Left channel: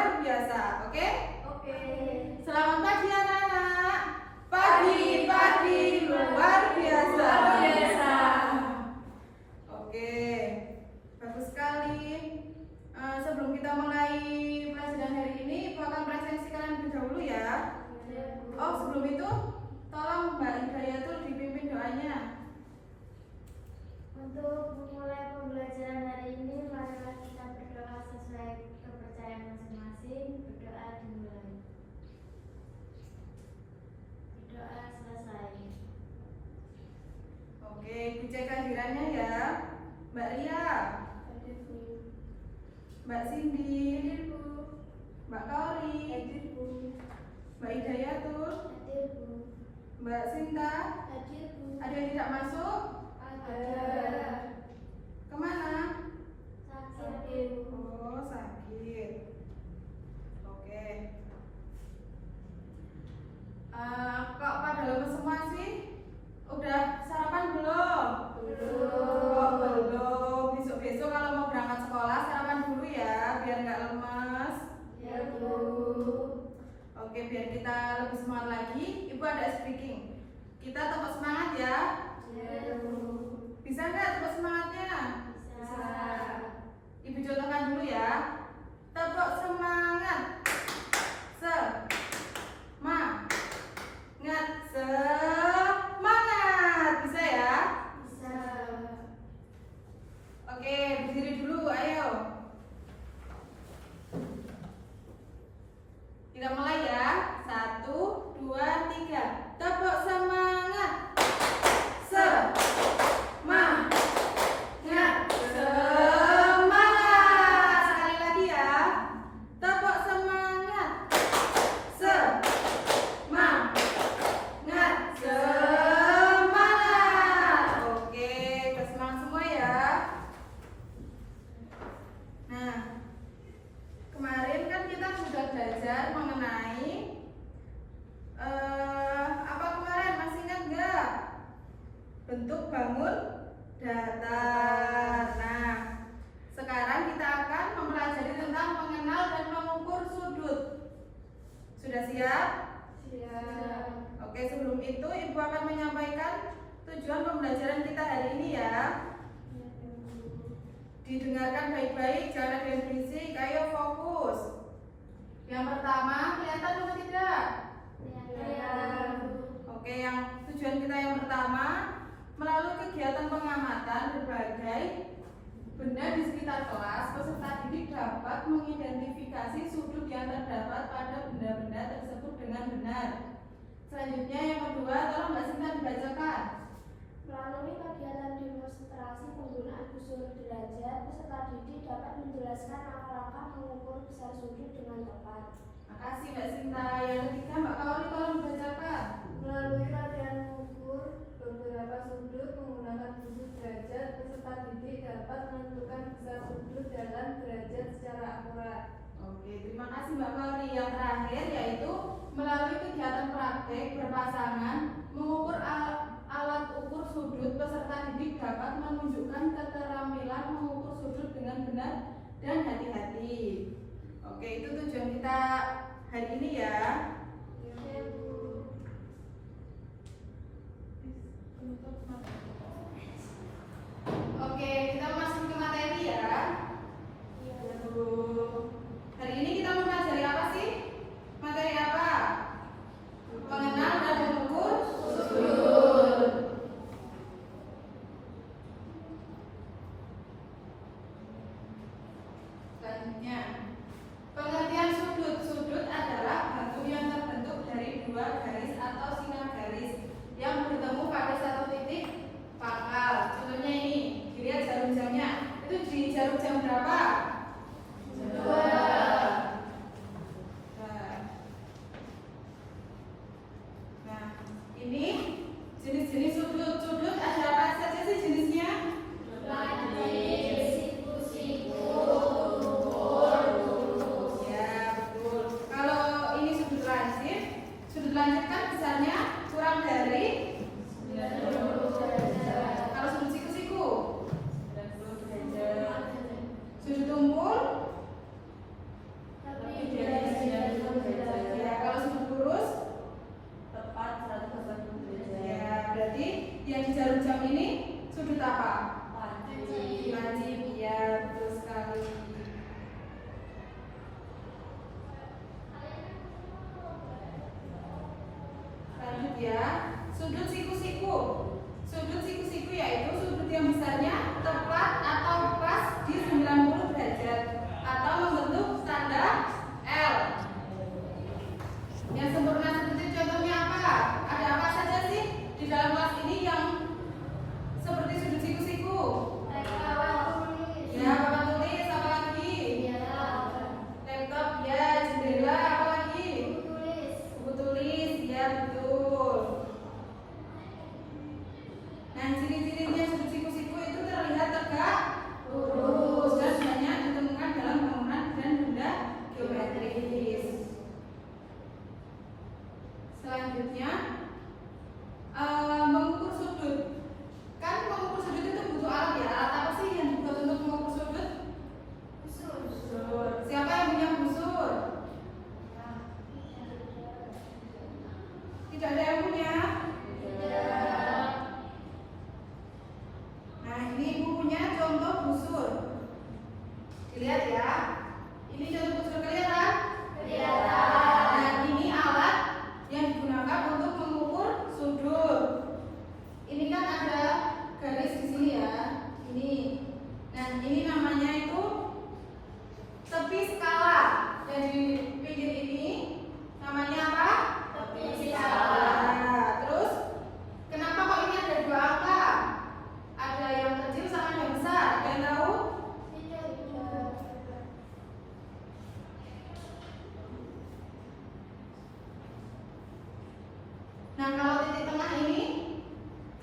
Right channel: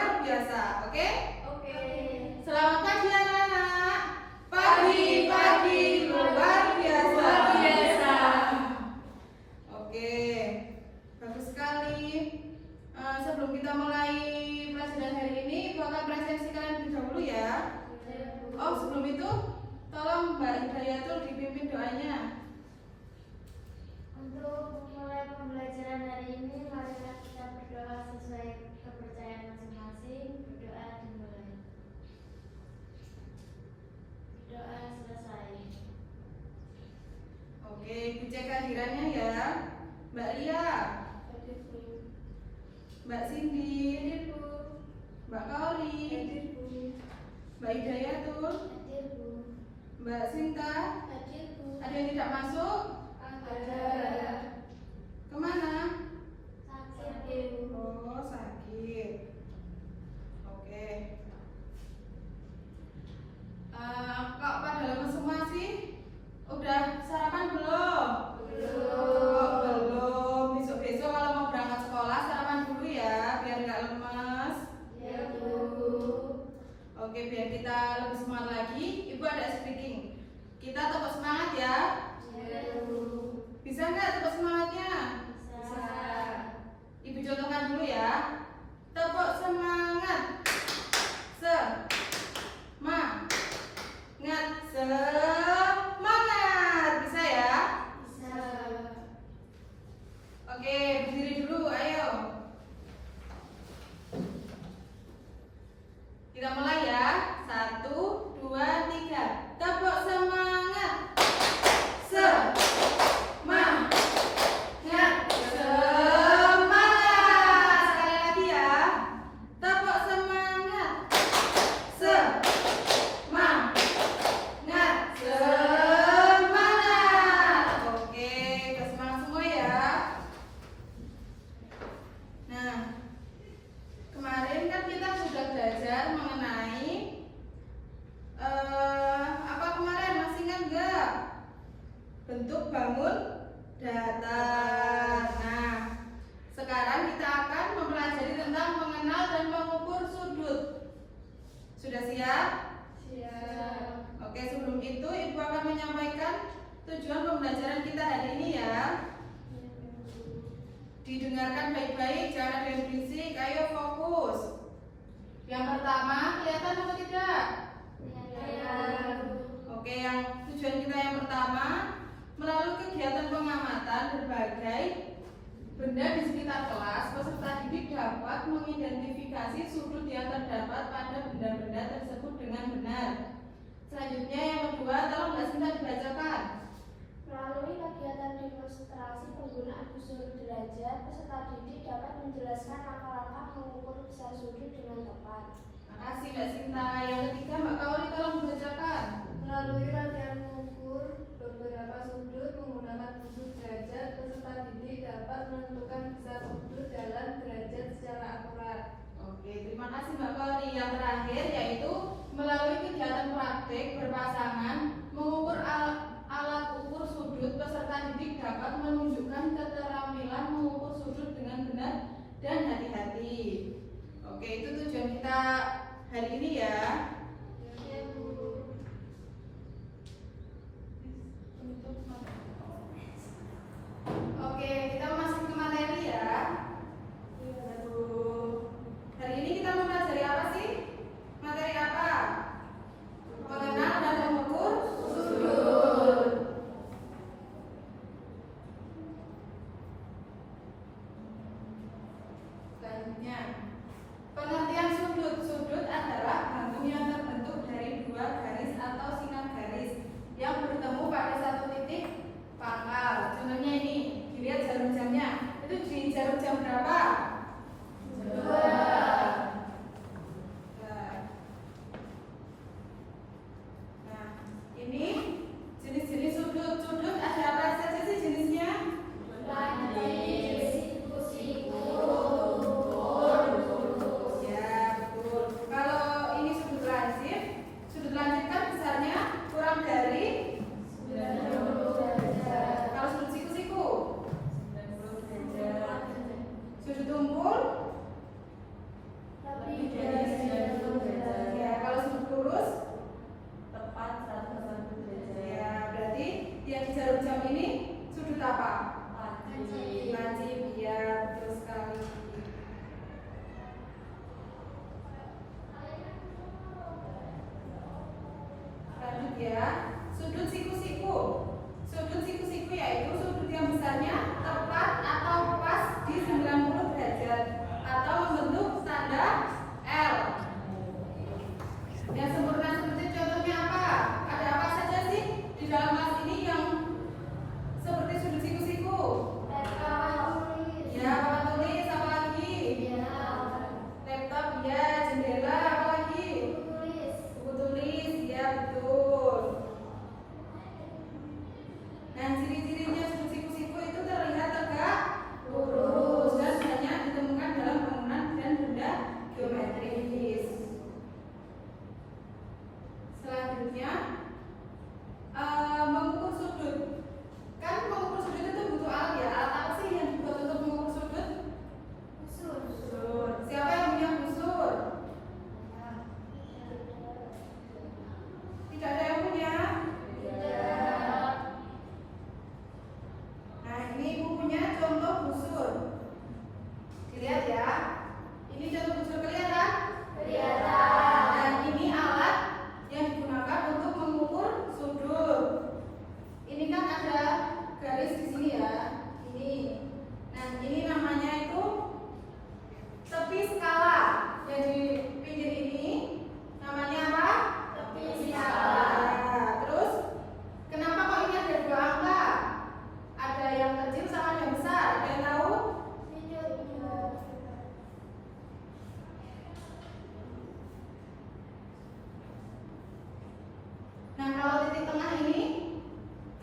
luar biasa. Oke? Oke. Selamat pagi anak-anak. Pagi luar biasa. Luar biasa. Oke, bagus sekali. Sebelum kita mulai pelajaran hari ini, Ibu akan presentasi kalian terlebih dahulu ya. Oh, sebelum itu, tolong Mbak Hidayatul dipimpin doanya. Untuk memulai pembelajaran hari ini, marilah kita berdoa sesuai kepercayaan masing-masing. Berdoa dimulai. Berdoa selesai. Oke, Ibu cek kehadirannya ya. Mbak Ria, Mbak Cindy, Mbak Kauri, Mbak Hidayatul, Hadir, Bu. Mbak Sinta. Hadir, Bu. Ada yang tidak masuk? Ada. Kemana? Sakit. Oh, sakit. Oke. Kok pada lemes semua sih? Udah sarapan belum? Kok belum? Besok-besok kalau mau berangkat sekolah sarapan dulu ya, biar nggak lemes. Ya, Bu. Oke, biar kita lebih semangat lagi, Ibu ada speaking. Kita tepuk semangat ya. Ya, Bu. Bisa nggak tepuk semangatnya? Bisa. Ibu contohkan dulu ya. Tepuk semangat. Semangat. Bisa ya? Bisa. Oke, berdiri dulu, ayo. Kita mulai ya. 1, 2, 3. Tepuk semangat. Semangat. Semangat. Sekali lagi ya. Tepuk semangat. Semangat. Semangat. Oke, bersemangat semua ya. Nah, kemarin kan kita sudah belajar mengenai apa kemarin, masih ingat nggak? Bentuk bangun datar. Nah, sekarang kita akan mempelajari tentang mengenal dan mengukur sudut. Sudah siap? Siap. Oke, sebelum itu Ibu akan menyampaikan tujuan pembelajaran kita hari ini ya. Didengarkan baik-baik, jangan ada yang berisik, ayo fokus. Yang pertama, kelihatan atau tidak? Kelihatan. Oke, yang tujuan kita yang pertama, melalui kegiatan pengamatan berbagai benda di sekitar kelas, peserta didik dapat mengidentifikasi sudut yang terdapat pada benda-benda tersebut dengan benar. Selanjutnya yang kedua, tolong Mbak Sinta dibacakan. Melalui kegiatan demonstrasi penggunaan busur derajat, peserta didik dapat menjelaskan langkah-langkah mengukur besar sudut dengan tepat. Makasih Mbak Sinta. Yang ketiga Mbak Kauri, tolong dibacakan. Melalui latihan mengukur beberapa sudut menggunakan busur derajat, peserta didik dapat menentukan besar sudut dalam derajat secara akurat. Oke, terima kasih Mbak Kauri. Yang terakhir yaitu melalui kegiatan praktik berpasangan mengukur alat ukur sudut, peserta didik dapat menunjukkan keterampilan mengukur sudut dengan benar dan hati-hati. Oke, itu tujuan kita hari ini ya. Ya, Bu. Oke, kita masuk ke materi ya. Hari ini kita mempelajari apa sih? Materi apa? Mengenal dan mengukur sudut. Selanjutnya, pengertian sudut. Sudut adalah bentuk yang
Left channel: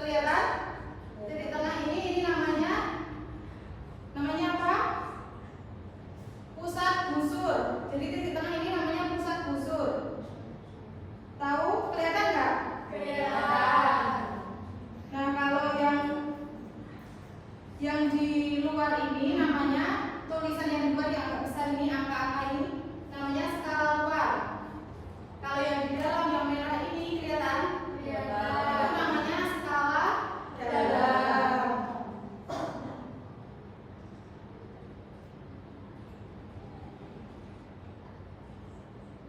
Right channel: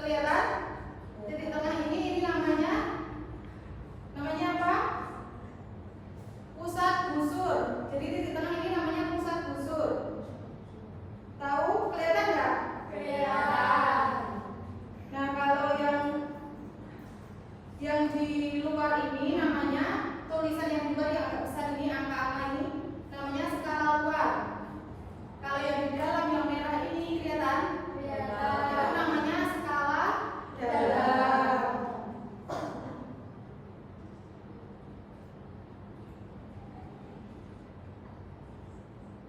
Kelihatan? Titik tengah ini namanya apa? Pusat busur. Jadi titik tengah ini namanya pusat busur. Tahu? Kelihatan nggak? Kelihatan. Nah, kalau yang di luar ini namanya, tulisan yang di luar yang agak besar ini, angka-angka ini namanya skala luar. Kalau yang di dalam yang merah ini kelihatan? Itu namanya skala dalam.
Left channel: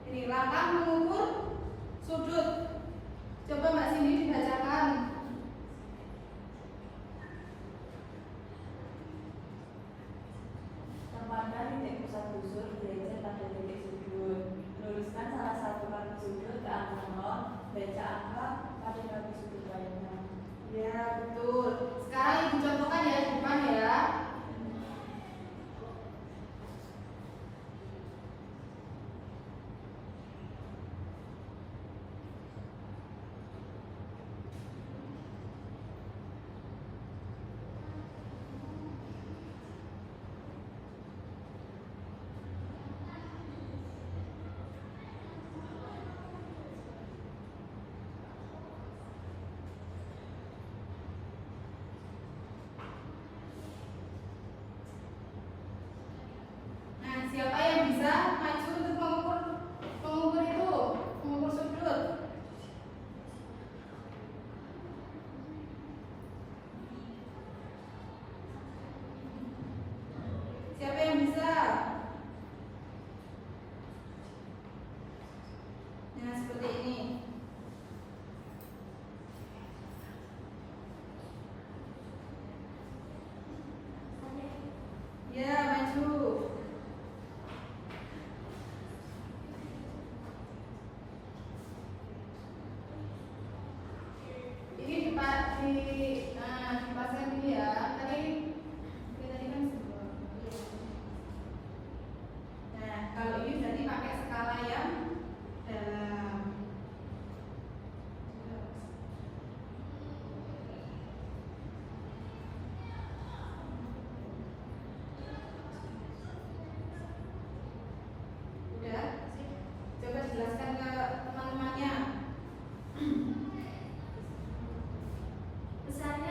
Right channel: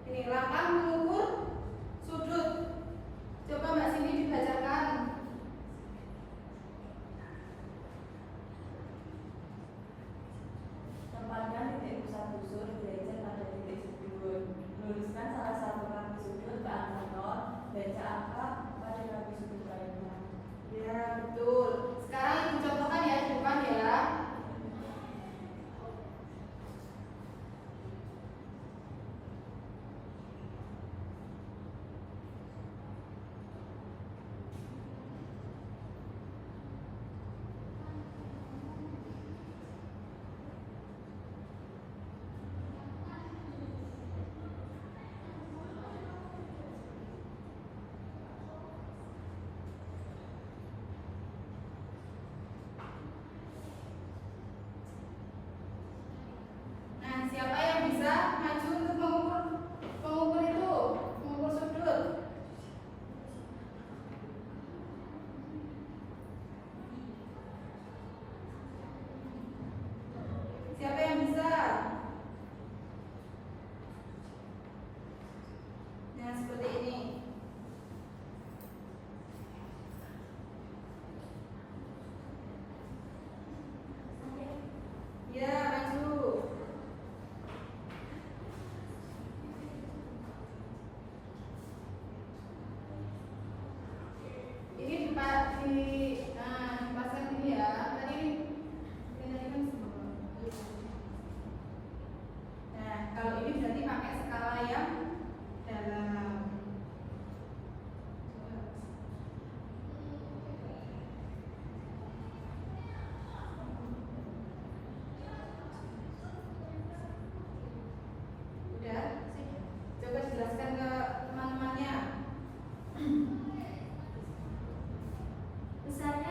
Ini langkah mengukur sudut. Coba Mbak Cindy dibacakan. Tempatkan titik pusat busur derajat pada titik sudut. Luruskan salah satu kaki sudut ke angka 0. Baca angka pada kaki sudut lainnya. Ya, betul. Sekarang Ibu contohkan ya di depan ya. Nah, siapa yang bisa maju untuk mengukur itu, mengukur sudut? Siapa yang bisa? Nah, seperti ini. Ya, maju. Ini dipasang ini ya. Tadi kan semua. Nah, kalau ini berarti pakai skala yang dalam. Udah? Coba jelaskan ke teman-temannya. Besarnya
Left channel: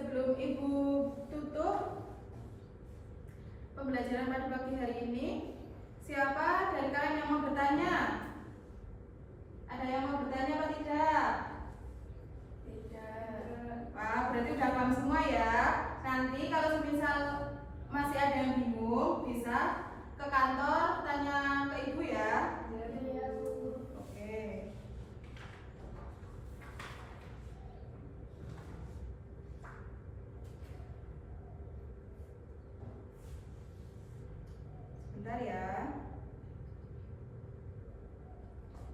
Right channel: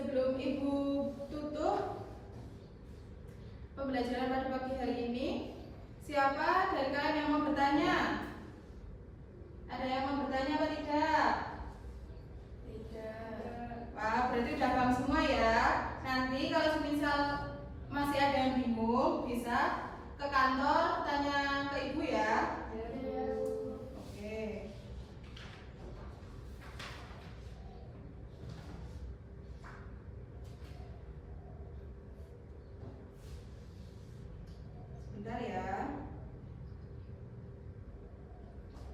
Sebelum Ibu tutup pembelajaran pada pagi hari ini, siapa dari kalian yang mau bertanya? Ada yang mau bertanya atau tidak? Tidak. Wah, berarti udah paham semua ya. Nanti kalau misal masih ada yang bingung, bisa ke kantor tanya ke Ibu ya. Ya, Bu. Oke. Sebentar ya.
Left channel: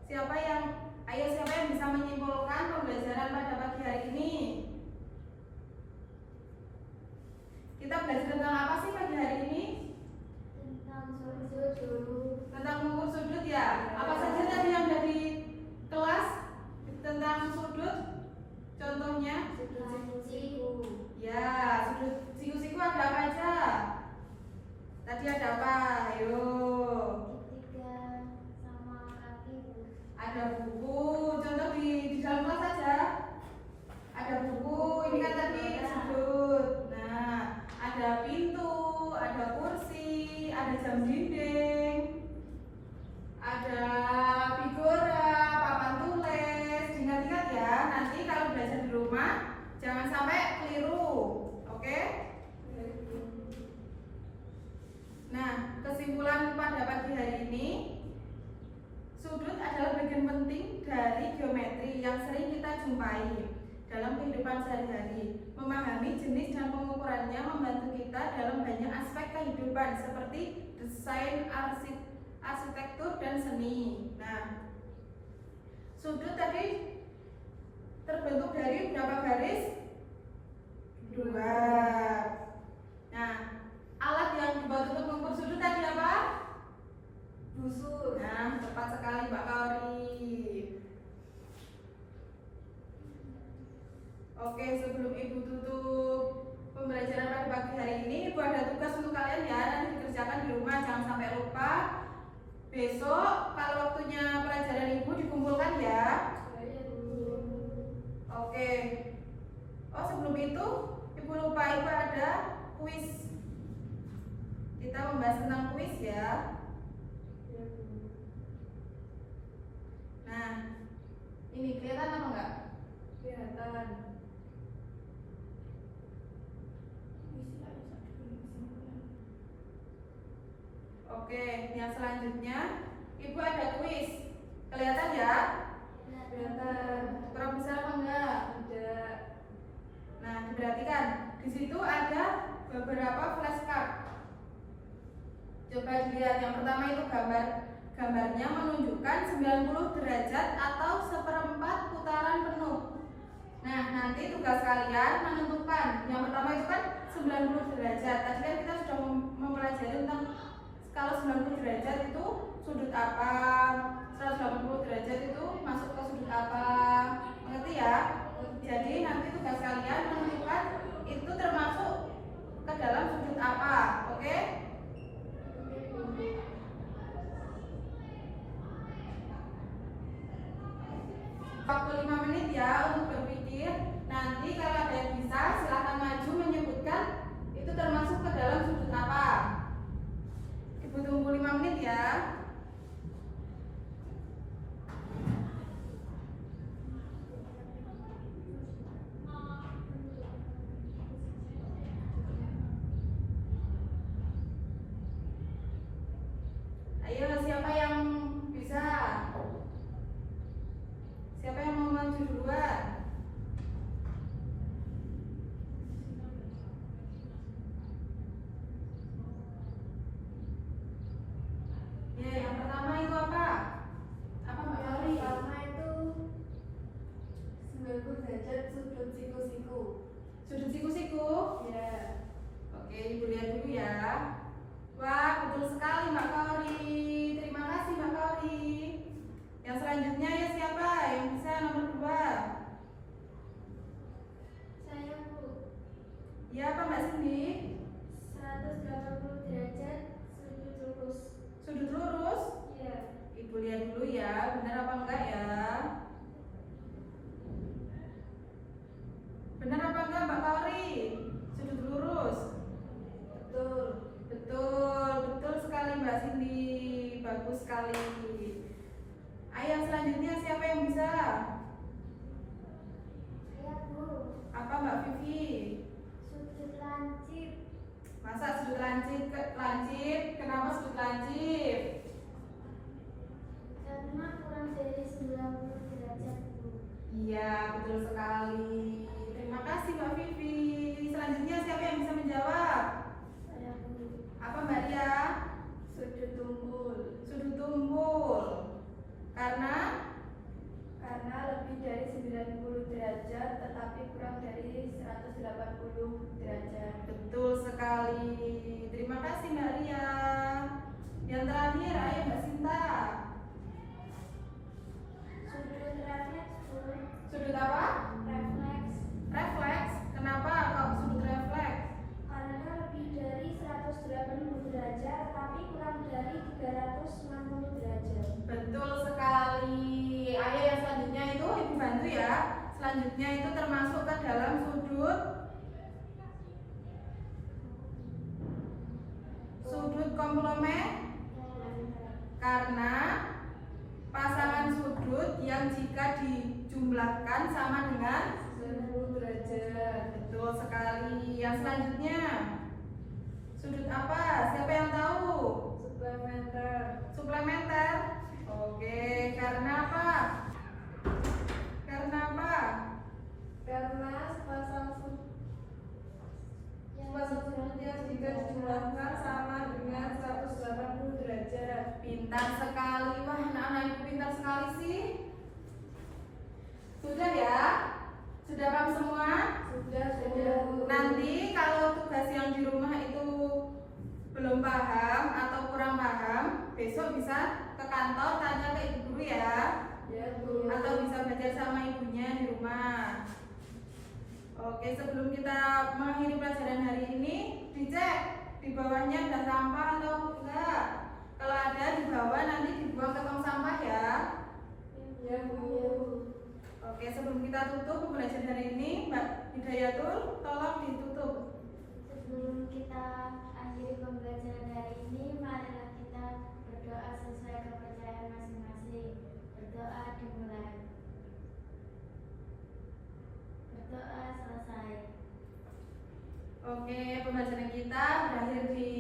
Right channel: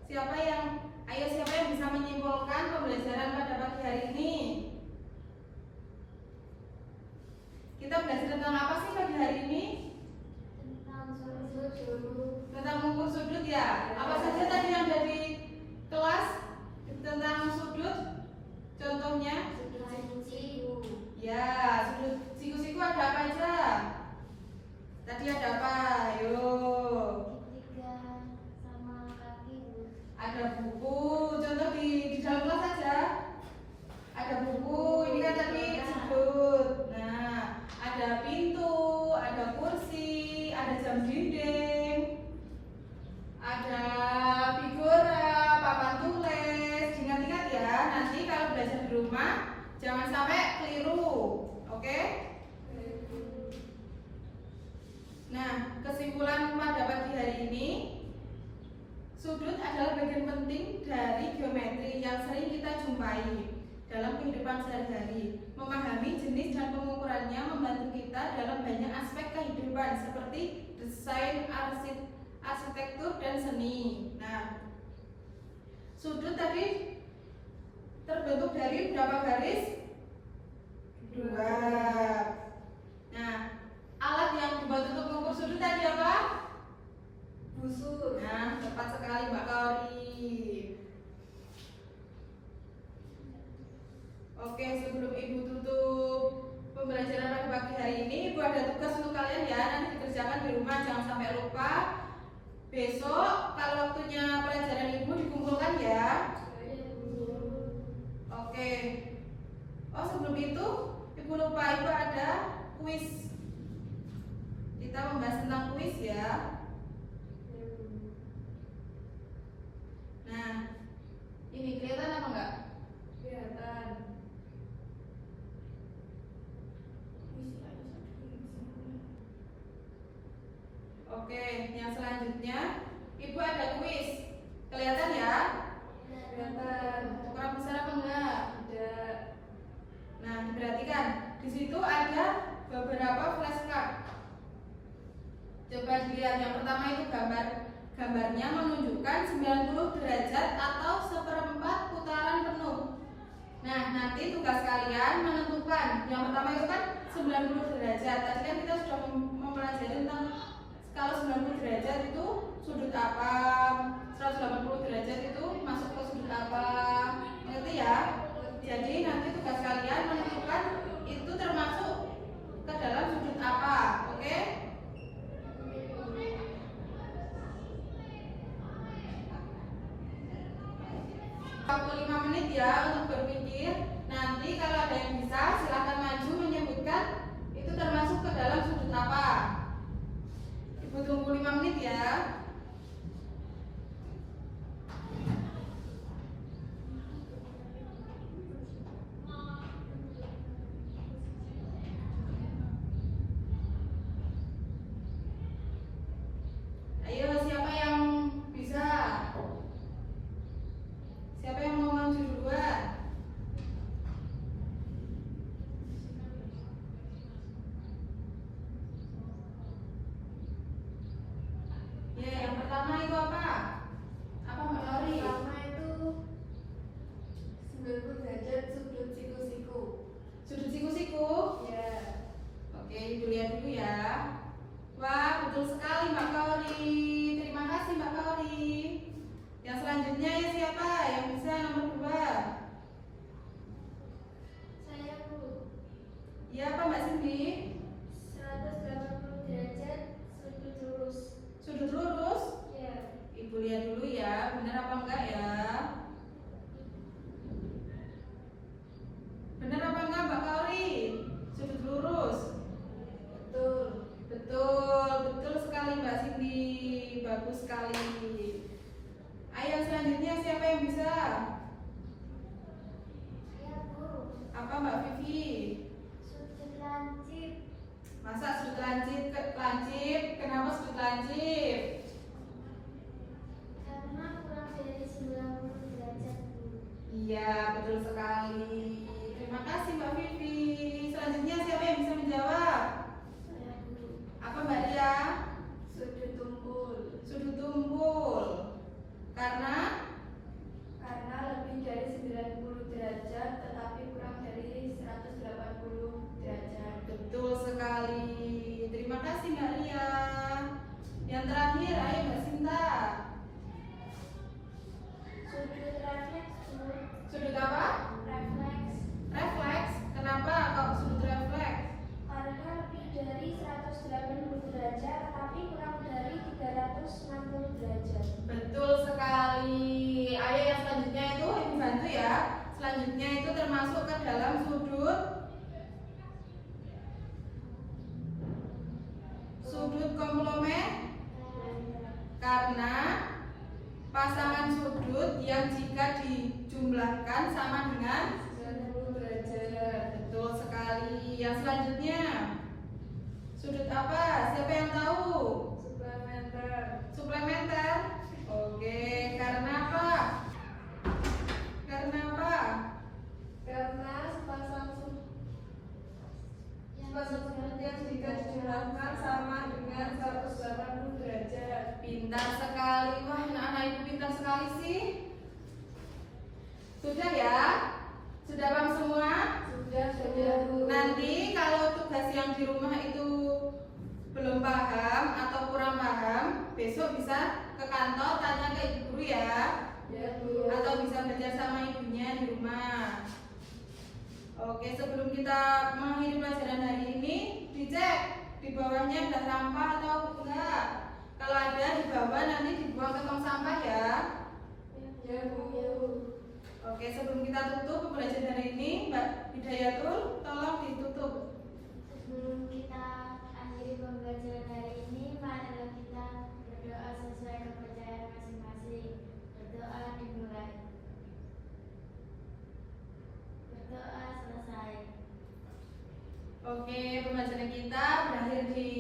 Siapa yang bisa menyimpulkan pembelajaran pada pagi hari ini? Kita belajar tentang apa sih pagi hari ini? Tentang sudut. Tentang mengukur sudut ya. Apa saja tadi yang ada di kelas tentang sudut? Contohnya? Sudut siku. Ya, sudut siku-siku ada apa aja? Tadi ada apa? Ayo. Segitiga sama kaki. Ada buku. Contoh di dalam kelas saja. Ada buku. Ini kan tadi sudut. Nah, ada pintu, ada kursi, ada jam dinding, ada figura, papan tulis. Ingat-ingat ya. Nanti kalau belajar di rumah jangan sampai keliru. Oke? Nah, kesimpulan pada pagi hari ini, sudut adalah bagian penting dari geometri yang sering kita jumpai dalam kehidupan sehari-hari. Memahami jenis dan pengukurannya membantu kita dalam banyak aspek kehidupan seperti desain, arsitektur, dan seni. Nah, sudut tadi terbentuk dari berapa garis? 2. Nah, alat yang dibuat untuk mengukur sudut tadi apa? Busur. Nah, tepat sekali Mbak Kaori. Oke, sebelum Ibu tutup pembelajaran pada pagi hari ini, Ibu ada tugas untuk kalian ya. Nanti dikerjakan di rumah, jangan sampai lupa. Besok kalau waktunya pelajaran Ibu dikumpulkan ya. Oke. Oh, sebelum itu Ibu lupa, Ibu ada kuis. Kita membahas tentang kuis ya. Nah, ini kelihatan apa enggak? Kelihatan. Oke, yang selanjutnya Ibu ada kuis. Kelihatan ya? Kelihatan. Kurang besar apa enggak? Tidak. Nah, diperhatikan. Di situ ada beberapa flashcard. Coba dilihat, yang pertama itu gambarnya menunjukkan 90 derajat atau seperempat putaran penuh. Nah, nanti tugas kalian menentukan. Yang pertama itu kan 90 derajat. Tadi kan kita sudah mempelajari tentang kalau 90 derajat itu sudut apa, 180 derajat itu masuk ke sudut apa. Mengerti ya? Jadi nanti tugas kalian menentukan itu termasuk ke dalam sudut apa. Oke? Waktu 5 menit ya untuk berpikir. Nanti kalau ada yang bisa silakan maju menyebutkan itu termasuk ke dalam sudut apa. Ibu tunggu 5 menit ya. Ayo, siapa yang bisa? Siapa yang mau maju duluan? Ya, yang pertama itu apa? Apa Mbak Lori? Pertama itu 90 derajat sudut siku-siku. Sudut siku-siku. Ya. Oke, Ibu lihat dulu ya. Wah, betul sekali Mbak Kaori. Terima kasih Mbak Kaori. Yang selanjutnya ya siapa yang bisa nomor 2? Saya Bu. Ya, apa Mbak Cindy? 180 derajat sudut lurus. Sudut lurus. Ya. Ibu lihat dulu ya, benar apa enggak ya? Benar apa enggak Mbak Kaori? komplement? Karena pasangan sudut yang jika dijumlahkan sama dengan 90 derajat. betul sekali. Yang selanjutnya sudut apa? Siapa yang tahu? Suplementer. Suplementer. Oke, karena apa? Karena apa? Karena sepasang sudut yang jika dijumlahkan sama dengan 180 derajat. Pintar sekali. Wah, anak-anak ibu pintar sekali sih. Sudah ya? Sudah paham semua? Sudah. Nanti kalau tugas yang di rumah itu belum paham atau kurang paham, besok bisa ke kantor tanya ke ibu guru ya. Ya, Bu. Atau bisa belajar sama ibunya di rumah. Oke, sebelum kita mengakhiri pelajaran hari ini, dicek di bawahnya ada sampah atau enggak. Kalau ada di bawah nanti dibuang ke tong sampah ya. Ya, Bu. Oke, sebelum kita tutup pembelajaran hari ini, Mbak Hidayatul, tolong ditutup. Sebelum kita akhiri pembelajaran hari ini, marilah kita berdoa sesuai kepercayaan masing-masing. Berdoa dimulai. Berdoa selesai. Oke, pembelajaran kita berakhir di